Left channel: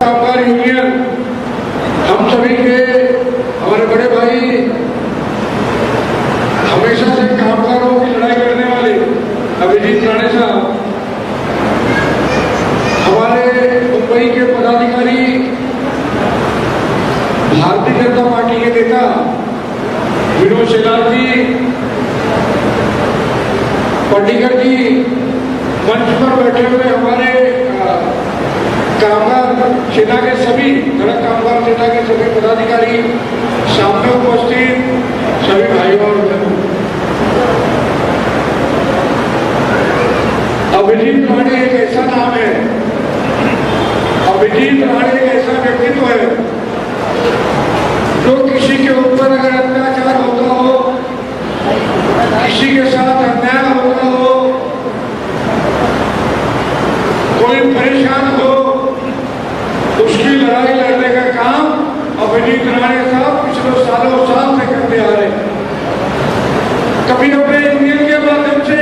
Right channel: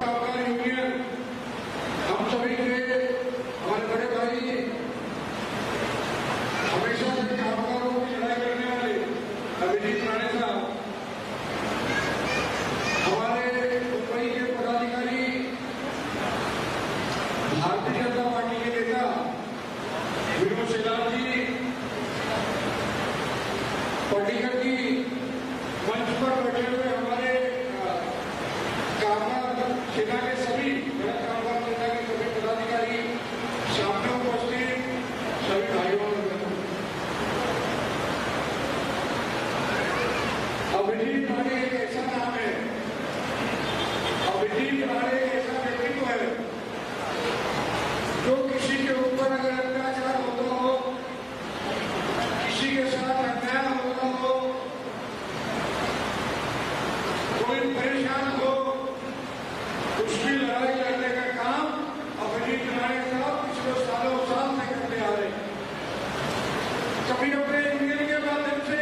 कामगार यूनियन हम सभी के हमारे बड़े भाई, हमेशा से कामगारों की लड़ाई करने वाले अभिजीत राणे साहब, हमारे मुंबई के पदाधिकारी, भारतीय जनता पार्टी के नेता विनोद शेलार जी, पंडिकर जी, मंच पर बैठे हुए हमारे कामगार सेना के सभी सड़क कामगार सेना के सभी पदाधिकारी, सामने उपस्थित सभी भाइयों और बहनों, अभिजीत राणे एक ऐसा नाम है, अभिजीत राणे एक ऐसा व्यक्तित्व है जो किसी के ऊपर अगर अत्याचार होता हो, किसी के साथ अन्याय होता हो, कोई परेशान हो, उसकी लड़ाई लड़ने का काम अभिजीत राणे साहब पिछले सालों साल से करते आ रहे हैं। कभी अपने यूनियन के माध्यम से,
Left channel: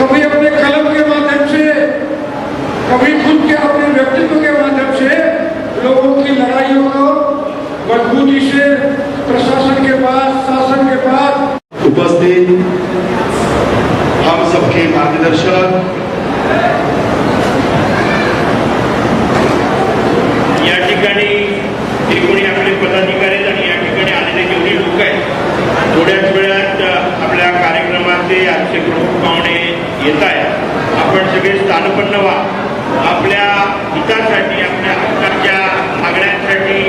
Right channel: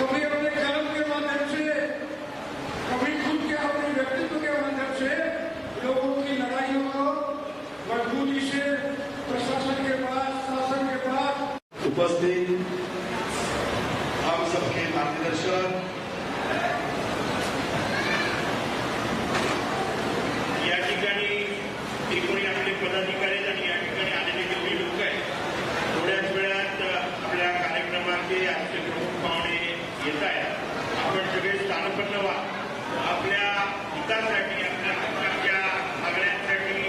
कभी अपने कलम के माध्यम से, कभी खुद के अपने व्यक्तित्व के माध्यम से लोगों की लड़ाइयों को मजबूती से प्रशासन के पास, शासन के पास उपस्थित हम सबके मार्गदर्शक, या ठिकाणी जे कोणी आपले पदाधिकारी आणि या ठिकाणी आलेले जेवढे लोक आहेत, थोड्याच वेळात आपल्या कार्यक्रमाचे आजचे प्रमुख पाहुणे येत आहेत. आपण सगळे स्थानपन्न व्हा. आपल्या हितासाठी, आपल्या हक्काच्या मागण्यांसाठी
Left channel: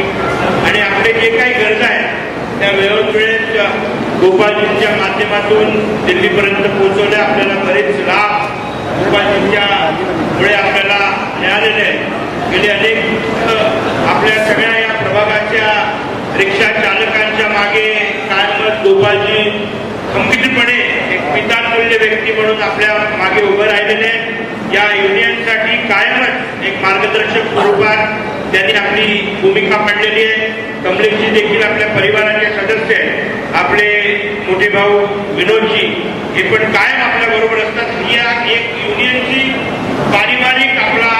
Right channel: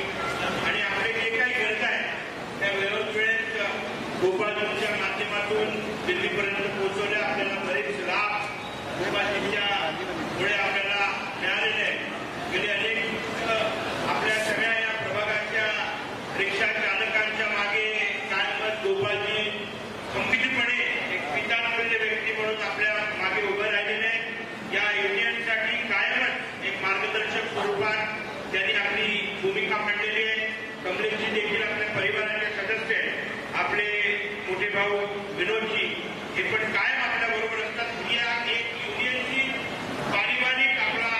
आणि आपले जे काही गरजा आहेत त्या वेळोवेळेत गोपालजींच्या माध्यमातून दिल्लीपर्यंत पोहोचवल्या. आपल्याला बरेच लाभ गोपालजींच्या मुळे आपल्याला मिळालेले आहेत. गेले अनेक आपल्या सगळ्या या प्रभागाच्या रिक्षा चालकांच्या मागे कायमच गोपालजी खंबीरपणे एक पितातुल्य व्यक्ती म्हणून आपल्या मागे उभं राहिलेले आहेत. या युनियनसाठी कायमच एक मार्गदर्शक स्वरूपात त्यांनी आपली भूमिका मांडलेली आहे. कमलेशजी देखील आपल्या परिवाराचे सदस्य आहेत. आपले मोठे भाऊ विनोदजी हे पण कायम आपल्या बरोबर असतात. या एक युनियनची पारिवारिक आपला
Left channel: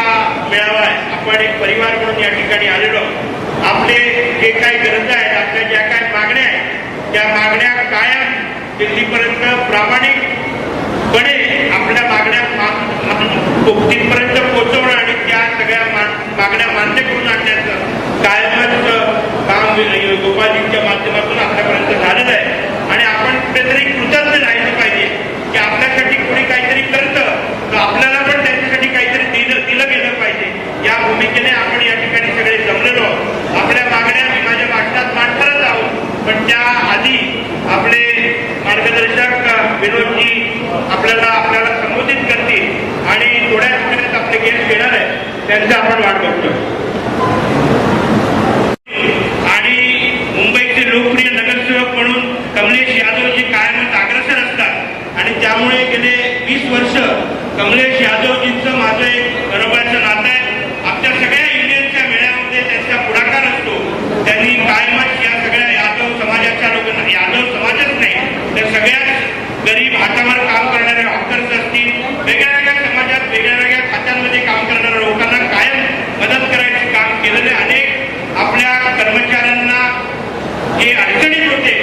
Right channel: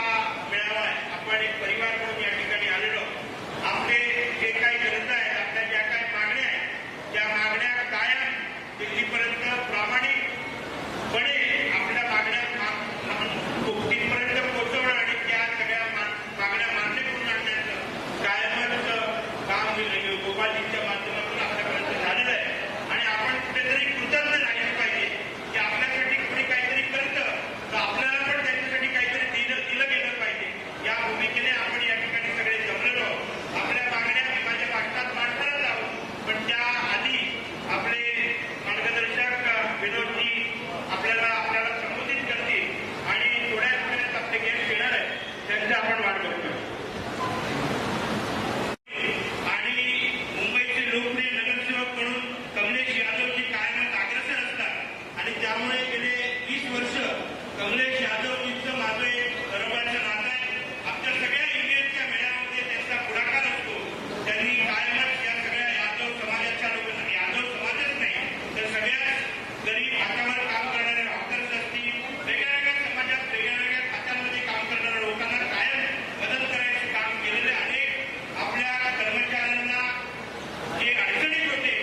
मेळावा आहे. आपण एक परिवार म्हणून या ठिकाणी आलेलो. आपले जे काही गरजा आहेत, आपल्या ज्या काही मागण्या आहेत, त्या मागण्या कायम दिल्लीपर्यंत प्रामाणिकपणे आपल्या मागण्या तिथपर्यंत पोहोचवणं आणि त्या सगळ्या मागण्या मान्य करून आणण्याचं कायमच काम गोपालजींच्या माध्यमातून आपल्यापर्यंत झालेलं आहे. आणि आपण कुठेतरी कृतज्ञ राहिलं पाहिजे की आपल्यासाठी कोणी काहीतरी करतं तर आपल्याला पण त्यांच्यासाठी काहीतरी दिलं गेलं पाहिजे. या भूमिकेने आपण या ठिकाणी सगळे जमलेलो. आपल्या मागण्या मी माझ्या भाषणात मांडणारच आहोत, पण त्या आधी आपले मार्गदर्शक विनोदजी आपल्याला संबोधित करतील आणि थोड्याच वेळात आपले गेस्ट येणार आहे, त्यांचा आपण वाट बघतो. आणि मुंबईचे लोकप्रिय नगरसेवक म्हणून कमलेश यादवजी कायमच अग्रेसर असतात आणि त्यामुळे गेले 20 वर्ष कमलेश यादवजींचं माझं एक बरोबरचं नातं आहे. आपल्या सगळ्या युनियनच्या मेळ्यामध्ये त्यांचा पुढाकार असतो. त्यांनी कायमच या सगळ्या यादव समाजाच्या लोकांना, यादव समाजच नाही तर सगळ्याच गरीब हातावर काम करणारे हॉकर्स असतील, वेगळ्या समाजात वेगळ्या खात्यांमध्ये काम करणाऱ्या लोकांना कायम मदत करायचे काम केलेले. अनेक आपल्या कर्मचाऱ्यांना जे अडचणीत होते,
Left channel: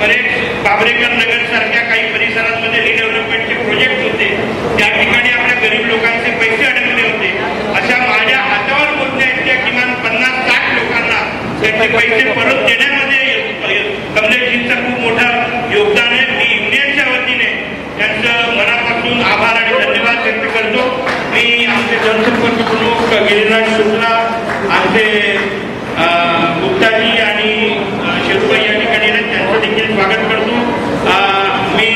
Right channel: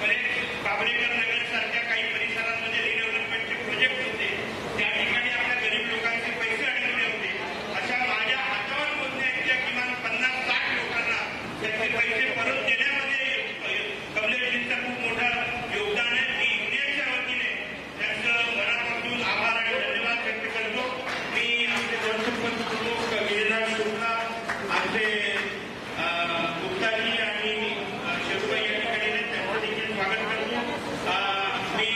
बरेच बाबरेकर नगर सारख्या काही परिसरांमध्ये रिडेव्हलपमेंटचे प्रोजेक्ट होते, त्या ठिकाणी आपल्या गरीब लोकांचे पैसे अडकले होते. अशा माझ्या हातावर पोहोचण्याच्या किमान 50-60 लोकांना त्यांचे पैसे परत देण्यामध्ये कमलेशजींचं खूप मोठं योगदान आहे. मी युनियनच्या वतीने त्यांचं मनापासून आभार आणि धन्यवाद व्यक्त करतो. मी आमचे जनसंपर्क प्रमुख गिरीराज शुक्ला, आमचे गुप्ताजी आणि शेरुबाई या ठिकाणी त्यांचं देखील स्वागत करतो. मी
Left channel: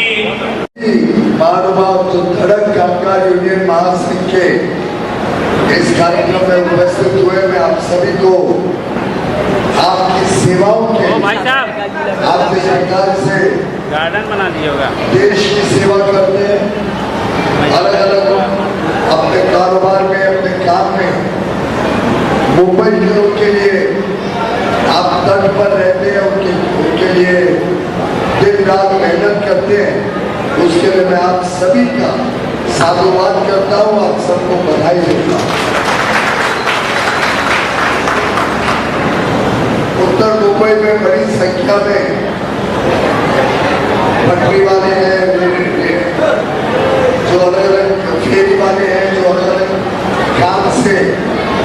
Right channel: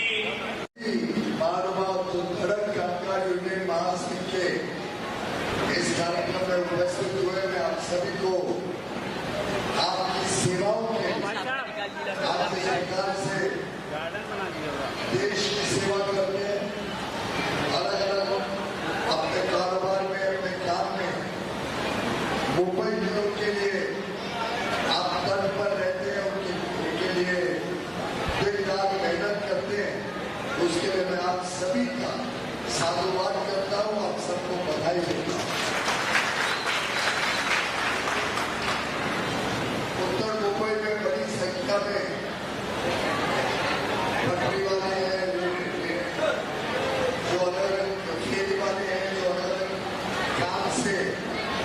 महानुभाव जो धड़क कामगार यूनियन महासंघ के इस कार्यक्रम में उपस्थित हुए, मैं आप सभी को आपकी सेवाओं के, आपके सरकार से गार्डन बना दिया होगा, देश की सेवा करते हैं, अलग अलग अपने कारोबार में, अपने काम में मुंबई के लोग के लिए आप तट पर रहते हैं, उनके लिए दिन रात मेहनत करते हैं। उसके लिए मैं आप सभी का साधुवाद करता हूँ, आप सबको बधाई देता हूँ। संख्या में पटरी वाले हैं, जो अलग अलग फेरी वाले हैं, जो अलग अलग काम से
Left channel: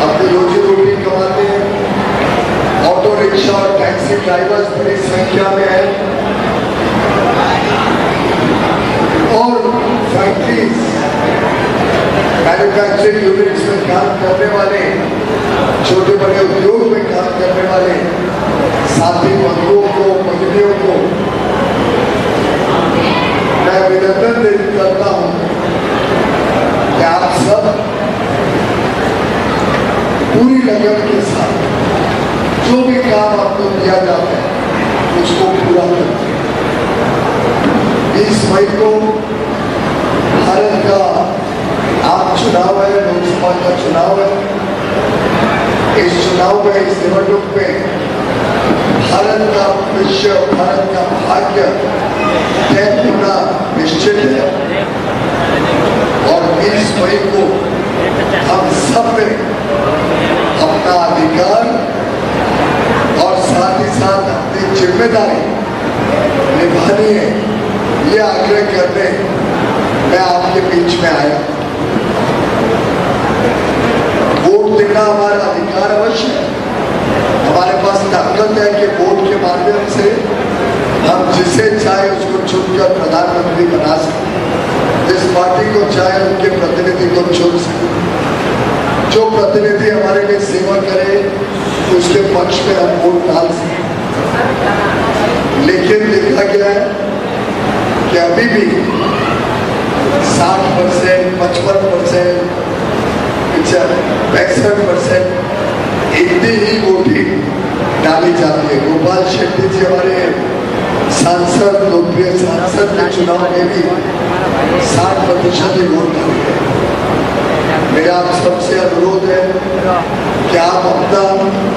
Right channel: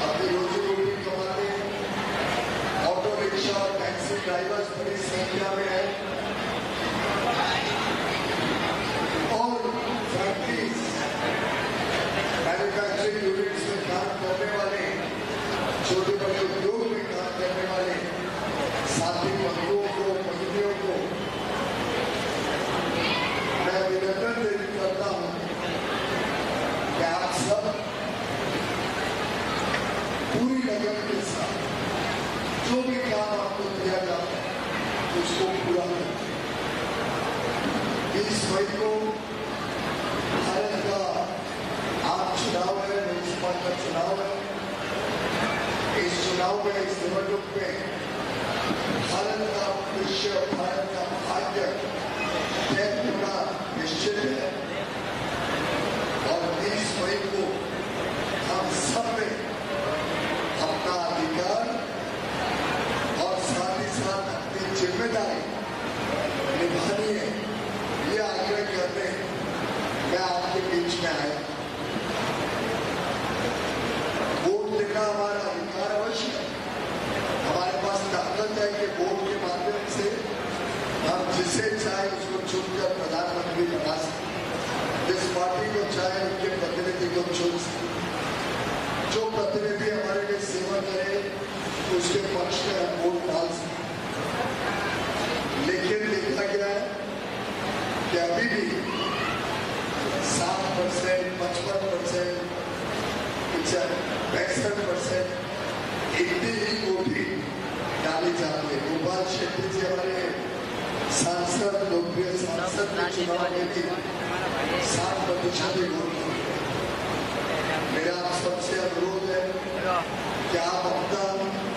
अपनी रोजी रोटी कमाते हैं। ऑटो रिक्शा और टैक्सी ड्राइवर्स बड़ी संख्या में है और फैक्ट्रीज मैन्युफैक्चरिंग यूनिट्स में काम करने वाले, छोटे बड़े उद्योग में काम करने वाले साथी बंधुओं को, मंत्रियों को मैं अभिनंदन करता हूं कि आप सब पूरी लगन के साथ जो भी काम आपको दिया जाता है उसको पूरा करते हैं। 20 मई को भारत का आम चुनाव है, लोकसभा का चुनाव है। इस चुनाव में, इस निवडणूक में भारत का भविष्य, भारत का भाग्य तय होना निश्चित है और 20 मई को हम सब ने अपना अधिकार और साथ ही साथ अपनी जिम्मेदारी निभानी है, ये आग्रह करने मैं आपके बीच में आया। वोट देना हमारा अधिकार अवश्य है। हमारे पास ताकत है कि वोट के माध्यम से हम जिसे चाहे उसको चुनकर प्रधानमंत्री बना सकते, जिस पार्टी को चाहे उनके प्रतिनिधि को चुन सकते, जो प्रतिनिधि हमारे लिए सेवा करे उसके पक्ष में हम वोट डाल सकते। लेकिन देखा गया है कि अभी भी 60%, 55%, 65% इतनी ही वोटिंग डाली जाती है। गोपाल शेट्टी जी हमारे सांसद, लोकप्रिय सांसद के चुनाव में भी 60% ही वोट डाली है। मेरा आप सबसे अनुरोध है कि आप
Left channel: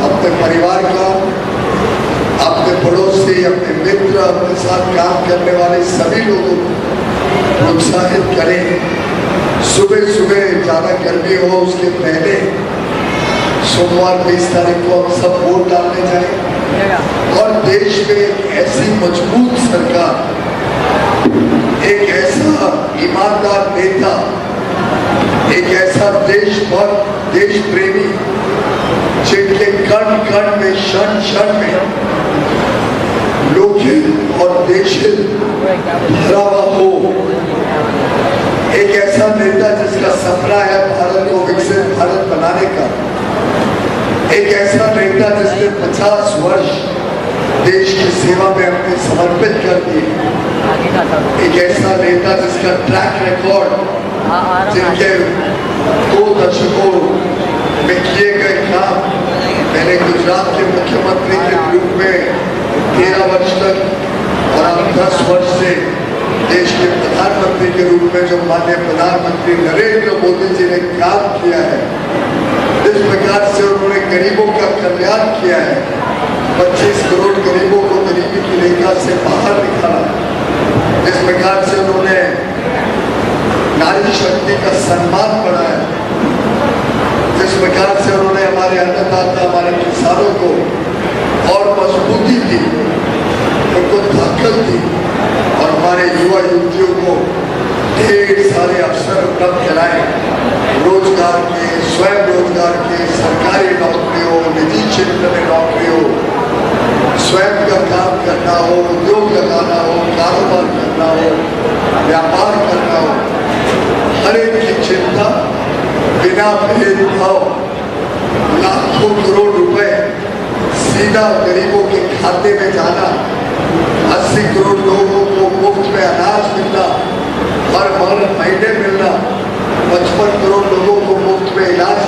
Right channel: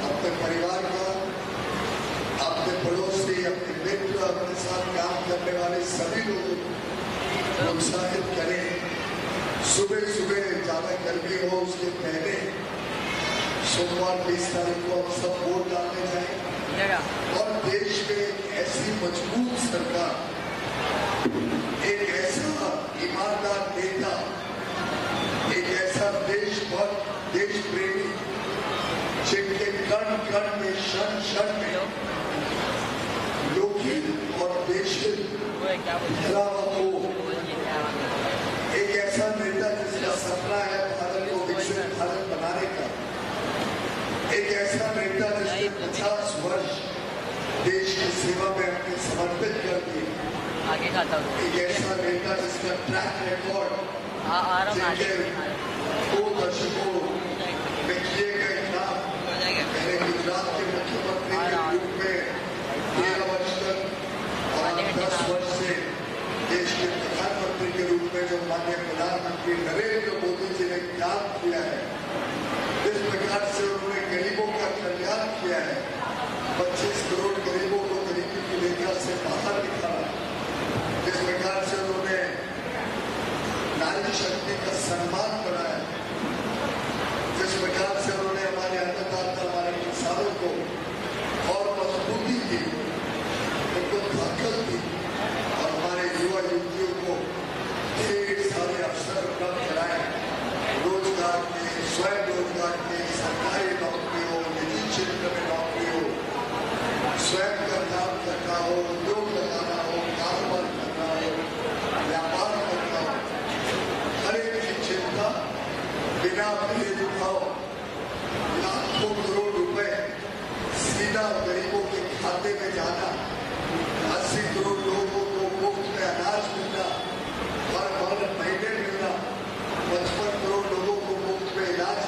अपने परिवार का, अपने पड़ोसी, अपने मित्र, अपने साथ काम करने वाले सभी लोगों को प्रोत्साहित करें। सुबह सुबह ज्यादा गर्मी हो उसके पहले सोमवार 20 तारीख को हम सब वोट डालने जाएं और देश में एक ऐसी मजबूत सरकार, एक ऐसा ईमानदार नेता, एक ऐसा देशभक्त, देश प्रेमी जिनके कण कण में, क्षण क्षण में लोकहित और देशहित भरा हुआ हो, एक ऐसा नेता जिसका सपना है भारत को विकसित भारत बनाने का, एक ऐसा नेता जिसने 50 वर्ष देश की सेवा में अपने समर्पित कर दिए, एक ऐसा नेता जिसका ट्रैक रिकॉर्ड, जिनके 2 दशकों में किए गए काम, मैंने गुजरात के मुख्यमंत्री के रूप में 13 वर्ष तक और अब 10 वर्ष से देश के प्रधानमंत्री के रूप में जो माननीय प्रधानमंत्री नरेंद्र मोदी जी ने काम किया है, जिस प्रकार से उन्होंने गरीबों का कल्याण किया है, 25 करोड़ गरीबों को गरीबी की रेखा से बाहर निकाला, जिस प्रकार से उन्होंने नारी शक्ति का सम्मान बढ़ाया, जिस प्रकार से उन्होंने हमारे अन्नदाता, हमारे किसानों को और मजबूती दी, उनको ताकत दी और हमारे युवा युवतियों को ढेर सारे अवसर उपलब्ध कराए, रोजगार के, स्वयं रोजगार के, सरकारी नौकरी हो, निजी क्षेत्र में नौकरी हो, स्वयं का काम करना हो, उद्योग लगाना हो, कारोबार करना हो, व्यापार करना हो, हर एक की चिंता बिना भेदभाव लाखों करोड़ रुपए सीधा गरीबों के खाते में जाना, 80 करोड़ लोगों को मुफ्त में अनाज मिलना, हर महीने मिलना, 55 करोड़ लोगों को मुफ्त में इलाज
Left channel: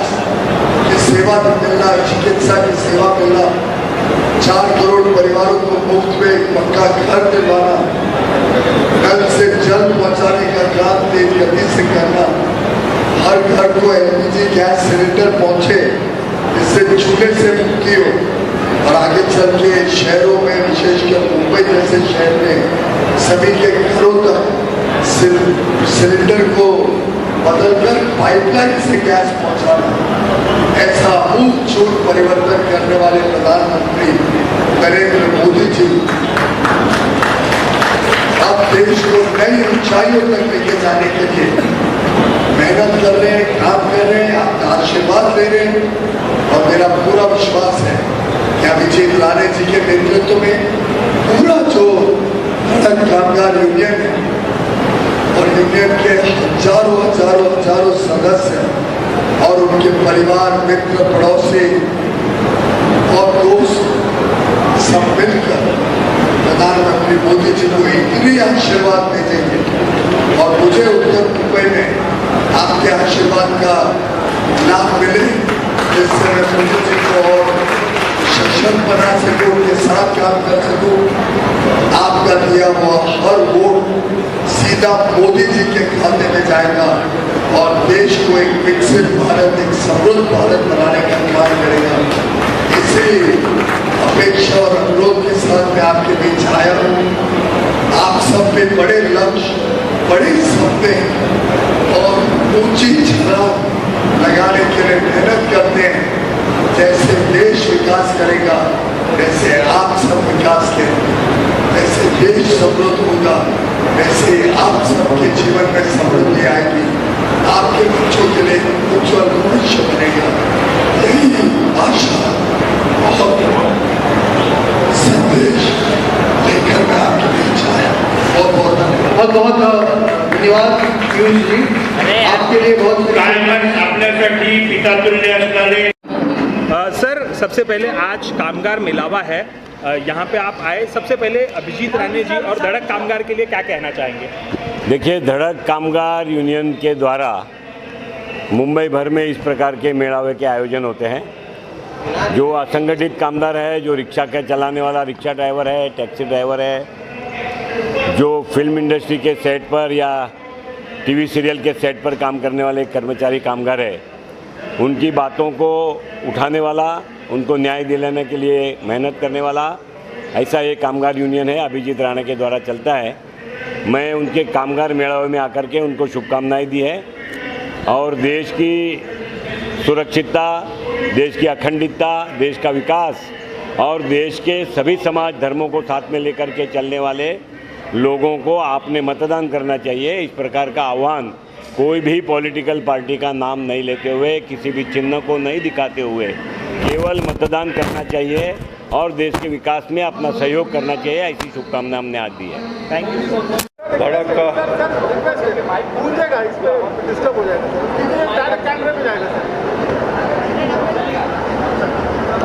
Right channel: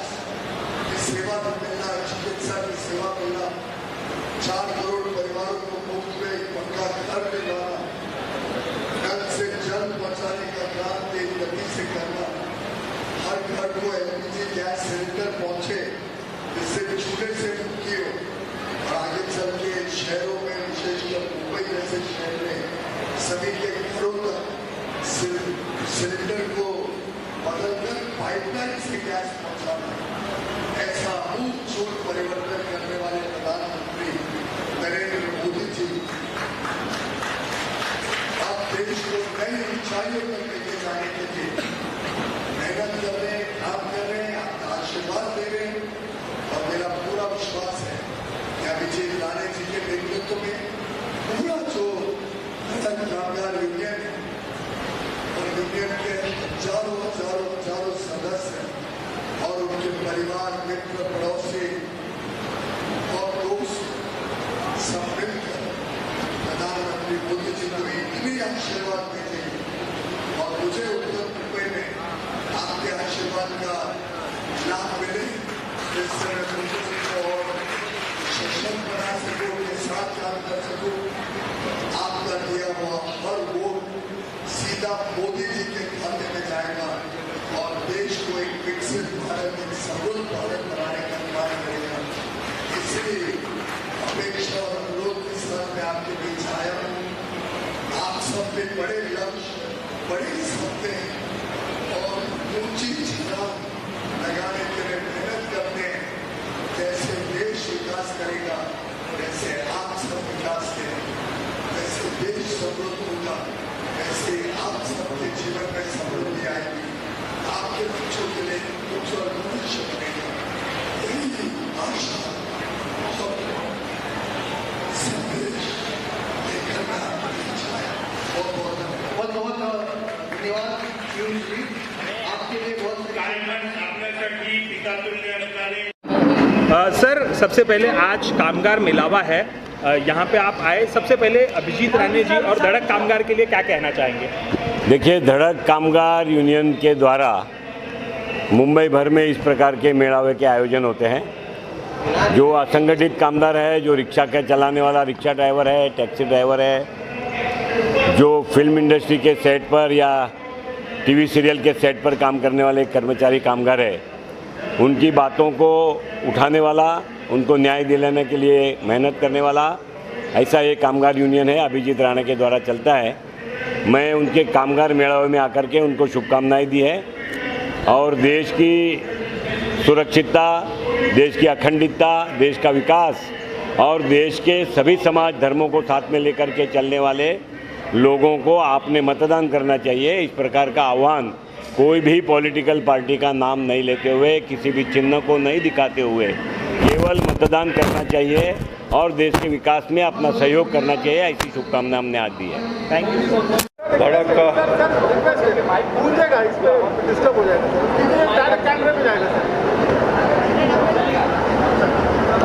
की सेवा मिलना, चिकित्सा की सेवा मिलना, 4 करोड़ परिवारों को मुफ्त में पक्का घर दिलवाना, नल से जल पहुंचाने का काम तेज गति से करना, हर घर को एलपीजी गैस सिलेंडर पहुंचे, इससे चूल्हे से मुक्ति हो और आगे चल के शहरों में, विशेषकर मुंबई जैसे शहर में सभी के घरों तक सिलेंडर को बदलकर पाइपलाइन से गैस पहुंचाना, ऐसा आमूल चूल परिवर्तन करने वाले प्रधानमंत्री नरेंद्र मोदी जी अब देश को नई ऊंचाइयों तक लेके जाने के लिए मेहनत कर रहे हैं, काम कर रहे हैं, आपका आशीर्वाद ले रहे हैं। और मेरा पूरा विश्वास है कि अभिजीत राणे जी के नेतृत्व में पूरा जो धड़क कामगार यूनियन है और यूनियन के हजारों हजारों हजारों सदस्य और उनके परिवार, मित्र, पड़ोसी और दोस्त सब मिलकर प्रधानमंत्री मोदी जी को इतनी आशीर्वाद भेजेंगे और मुझे उत्तर मुंबई में आपके आशीर्वाद का लाभ मिले, जिससे मैं मोदी जी को और सक्षम बना सकूं, उनके साथ काम कर सकूं। आपका दिया हुआ हर वोट सीधा मोदी जी के खाते में जाएगा और देश को एक विकसित भारत, एक समृद्ध भारत बनाने का काम करेगा। इसी अपेक्षा और अनुरोध के साथ मैं आपके बीच आया हूँ। आप सब पे बड़े लक्ष्य, बड़े सपने और ऊंची छलांग लगाने के लिए मेहनत करते हैं। जैसे देश विकास करेगा वैसे आप सब विकास करेंगे, वैसे देश समृद्ध होगा, वैसे आप सबके जीवन में समृद्धि आएगी, आपके बच्चों के लिए उज्जवल भविष्य बनेगा। यही आशा और संदेश लेकर मैं आपके बीच आया। बहुत धन्यवाद पीयूष जी, आपके लिए बहुत कायमच आपल्यासाठी पितातुल्य असणारे सर, सबसे पहले आज कामगार मिलावा है, यहाँ पे आप आए। सबसे पहले अभिजीत राणे जी और धड़क कामगार के लिए क्या कहना चाहेंगे? देखिए, धड़क कामगार यूनियन के द्वारा मुंबई भर में इस प्रकार के मेड़ावे के आयोजन होते हैं। जो असंगठित कामगार है, जो रिक्शा का चलाने वाला रिक्शा ड्राइवर है, टैक्सी ड्राइवर है, जो फिल्म इंडस्ट्री के सेट पर या टीवी सीरियल के सेट पर काम करने वाले कर्मचारी कामगार है, उनकी बातों को उठाने वाला, उनको न्याय दिलाने के लिए मेहनत करने वाला, ऐसा ये कामगार यूनियन है, अभिजीत राणे के द्वारा चलता है। मैं उनके कामगार मेड़ावे में आकर के उनको शुभकामनाएं दी है और देश की सुरक्षितता, देश की अखंडता, देश का विकास और देश के सभी समाज धर्मों को साथ में लेकर के चलने वाले लोगों को आपने मतदान करना चाहिए, इस प्रकार का आह्वान कोई भी पॉलिटिकल पार्टी का नाम नहीं लेते हुए, किसी भी चिन्ह को नहीं दिखाते हुए केवल मतदान करना चाहिए और देश के विकास में अपना सहयोग करना चाहिए, ऐसी शुभकामना हमने आज दी है। Thank you. धड़क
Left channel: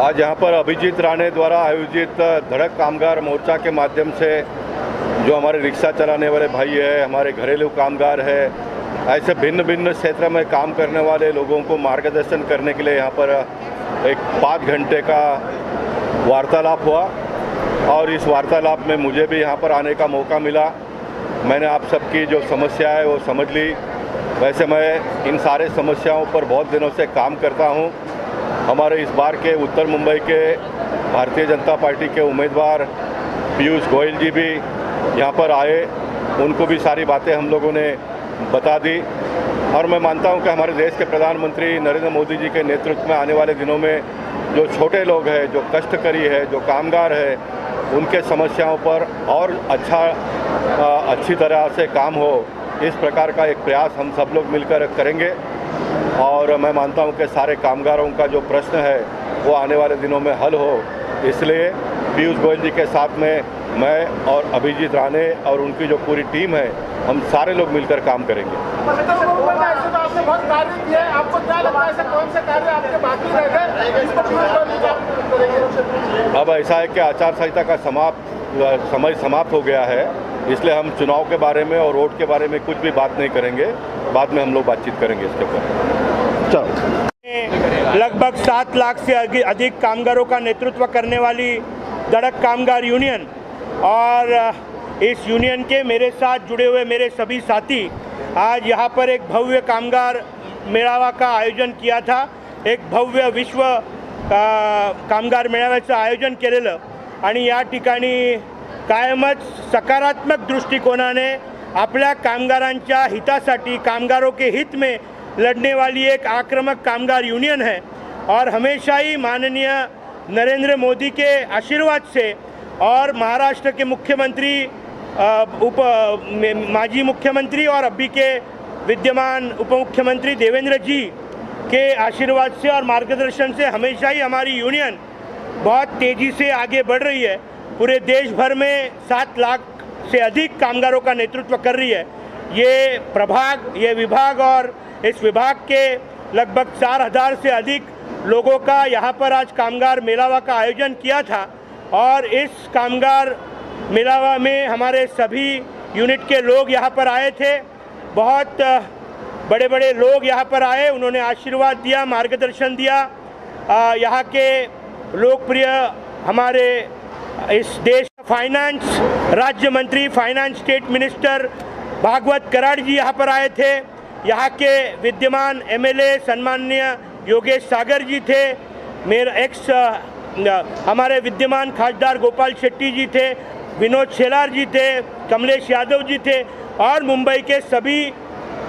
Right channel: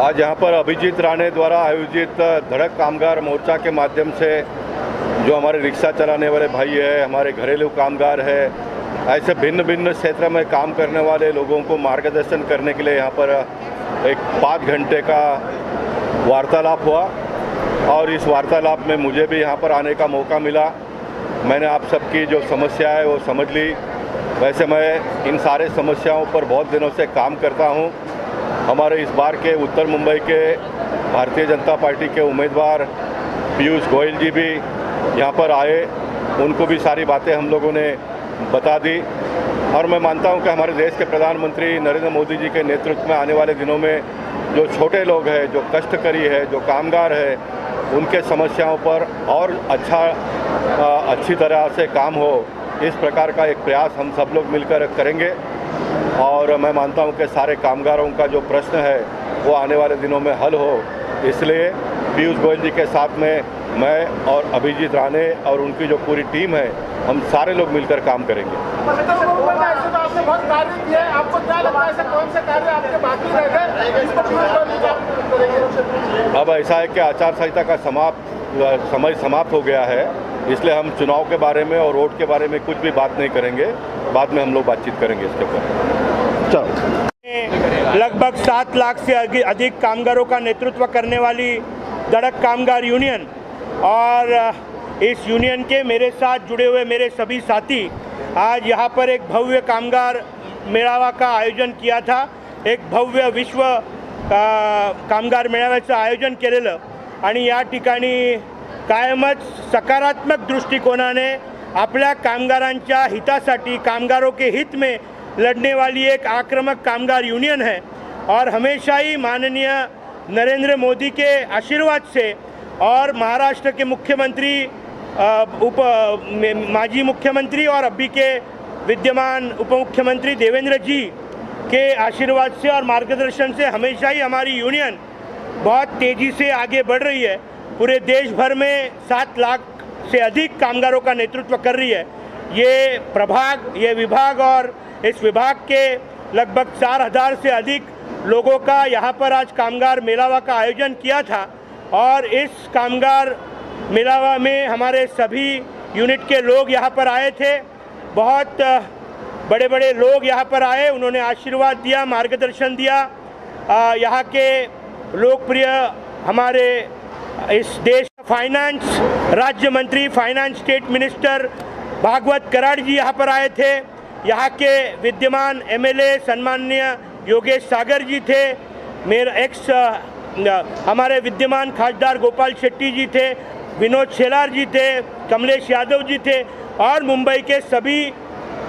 आज यहाँ पर अभिजीत राणे द्वारा आयोजित धड़क कामगार मोर्चा के माध्यम से जो हमारे रिक्शा चलाने वाले भाई है, हमारे घरेलू कामगार है, ऐसे भिन्न भिन्न क्षेत्र में काम करने वाले लोगों को मार्गदर्शन करने के लिए यहाँ पर एक 5 घंटे का वार्तालाप हुआ और इस वार्तालाप में मुझे भी यहाँ पर आने का मौका मिला। मैंने आप सबकी जो समस्या है वो समझ ली। वैसे मैं इन सारे समस्याओं पर बहुत दिनों से काम करता हूँ। हमारे इस बार के उत्तर मुंबई के भारतीय जनता पार्टी के उम्मीदवार पीयूष गोयल जी भी यहाँ पर आए, उनको भी सारी बातें हम लोगों ने बता दी और मैं मानता हूँ कि हमारे देश के प्रधानमंत्री नरेंद्र मोदी जी के नेतृत्व में आने वाले दिनों में जो छोटे लोग हैं, जो कष्टकरी है, जो कामगार है, उनके समस्याओं पर और अच्छी तरह से काम हो, इस प्रकार का एक प्रयास हम सब लोग मिलकर करेंगे। और मैं मानता हूं कि सारे कामगारों का जो प्रश्न है वो आने वाले दिनों में हल हो, इसलिए पीयूष गोयल जी के साथ में मैं और अभिजीत राणे और उनकी जो पूरी टीम है, हम सारे लोग मिलकर काम करेंगे। आपने बहुत कार्य किया है, आपको क्या लगता है कौन से कार्य आपके बाकी रह गए, इस पर अब ऐसा है कि आचार संहिता का समय समाप्त हो गया है, इसलिए हम चुनाव के बारे में और वोट के बारे में कुछ भी बात नहीं करेंगे, बाद में हम लोग बातचीत करेंगे इसके ऊपर। चलो। लगभग 7 लाख से अधिक कामगारों का नेतृत्व करने वाली धड़क कामगार यूनियन और इस यूनियन के मेरे साथ जुड़े हुए मेरे सभी साथी आज यहाँ पर एक भव्य कामगार मेळावा का आयोजन किया था। एक भव्य विश्व कामगार मेळाव्याचं आयोजन केलेलं आणि या ठिकाणी कायमच सकारात्मक दृष्टिकोनाने आपल्या कामगारांच्या हितासाठी, कामगारों के हित में लड़ने वाली एक आक्रामक कामगार यूनियन है और हमेशा ही माननीय नरेंद्र मोदी के आशीर्वाद से और महाराष्ट्र के मुख्यमंत्री माजी मुख्यमंत्री और अभी के विद्यमान उप मुख्यमंत्री देवेंद्र जी के आशीर्वाद से और मार्गदर्शन से हमेशा ही हमारी यूनियन बहुत तेज़ी से आगे बढ़ रही है। पूरे देश भर में 7 लाख से अधिक कामगारों का नेतृत्व कर रही है। ये विभाग और इस विभाग के लगभग 4000 से अधिक लोगों का यहाँ पर आज कामगार मेलावा का आयोजन किया था और इस कामगार मेलावा में हमारे सभी यूनिट के लोग यहाँ पर आए थे। बहुत बड़े बड़े लोग यहाँ पर आए, उन्होंने आशीर्वाद दिया, मार्गदर्शन दिया। यहाँ के लोकप्रिय हमारे इस देश फाइनेंस राज्य मंत्री, finance state minister Bhagwat Karad ji यहाँ पर आए थे। यहाँ के विद्यमान एमएलए सम्माननीय योगेश सागर जी थे। हमारे विद्यमान खासदार गोपाल शेट्टी जी थे, विनोद शेलार जी थे, कमलेश यादव जी थे और मुंबई के सभी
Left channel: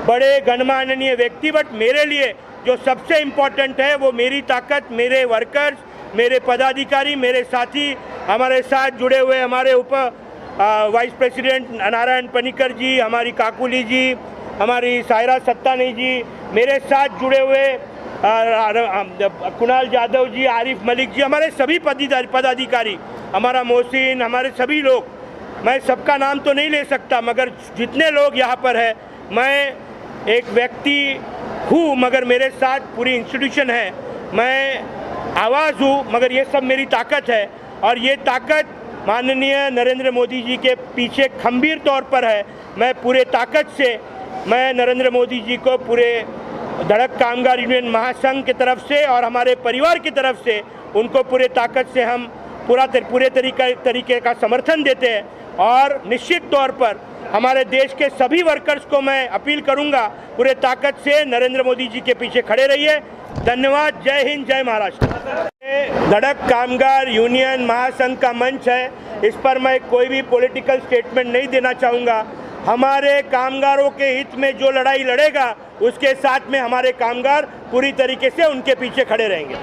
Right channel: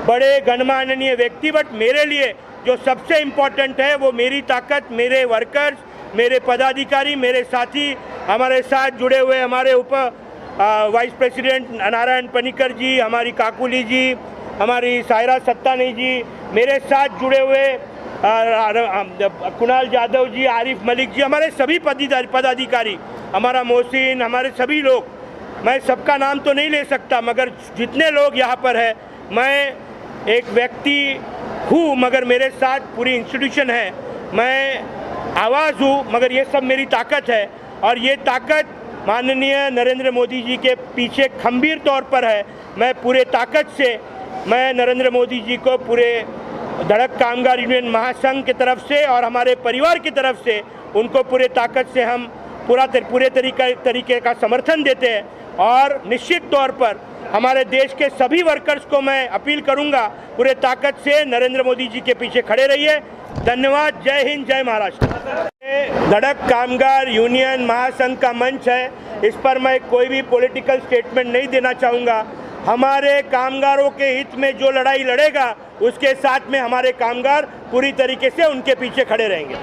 बड़े गणमान्य व्यक्ति। बट मेरे लिए जो सबसे इम्पोर्टेंट है वो मेरी ताकत, मेरे वर्कर्स, मेरे पदाधिकारी, मेरे साथी, हमारे साथ जुड़े हुए हमारे वाइस प्रेसिडेंट नारायण पनिकर जी, हमारी काकुली जी, हमारी सायरा सत्तानी जी, मेरे साथ जुड़े हुए कुणाल यादव जी, आरिफ मलिक जी, हमारे सभी पदाधिकारी, हमारा मोहसिन, हमारे सभी लोग, मैं सबका नाम तो नहीं ले सकता मगर जितने लोग यहाँ पर है, मैं एक व्यक्ति हूँ मगर मेरे साथ पूरी इंस्टीट्यूशन है। मैं आवाज़ हूँ मगर ये सब मेरी ताकत है और ये ताकत माननीय नरेंद्र मोदी जी के पीछे खंभीर तौर पर है। मैं पूरे ताकत से मैं नरेंद्र मोदी जी को पूरे धड़क कामगार यूनियन महासंघ की तरफ से और हमारे परिवार की तरफ से उनको पूरे ताकत से हम पूरे तरीके का समर्थन देते हैं और निश्चित तौर पर हमारे देश के सभी वर्कर्स को मैं अपील करूंगा पूरे ताकत से नरेंद्र मोदी जी के पीछे खड़े रहिए। धन्यवाद। जय हिंद, जय महाराष्ट्र। धड़क कामगार यूनियन महासंघ का मंच है, इस पर मैं कोई भी पॉलिटिकल स्टेटमेंट नहीं देना चाहूँगा। हमारे कामगारों के हित में जो लड़ाई लड़ेगा उसके साथ में हमारे कामगार पूरी तरीके से उनके पीछे खड़े रहेंगे।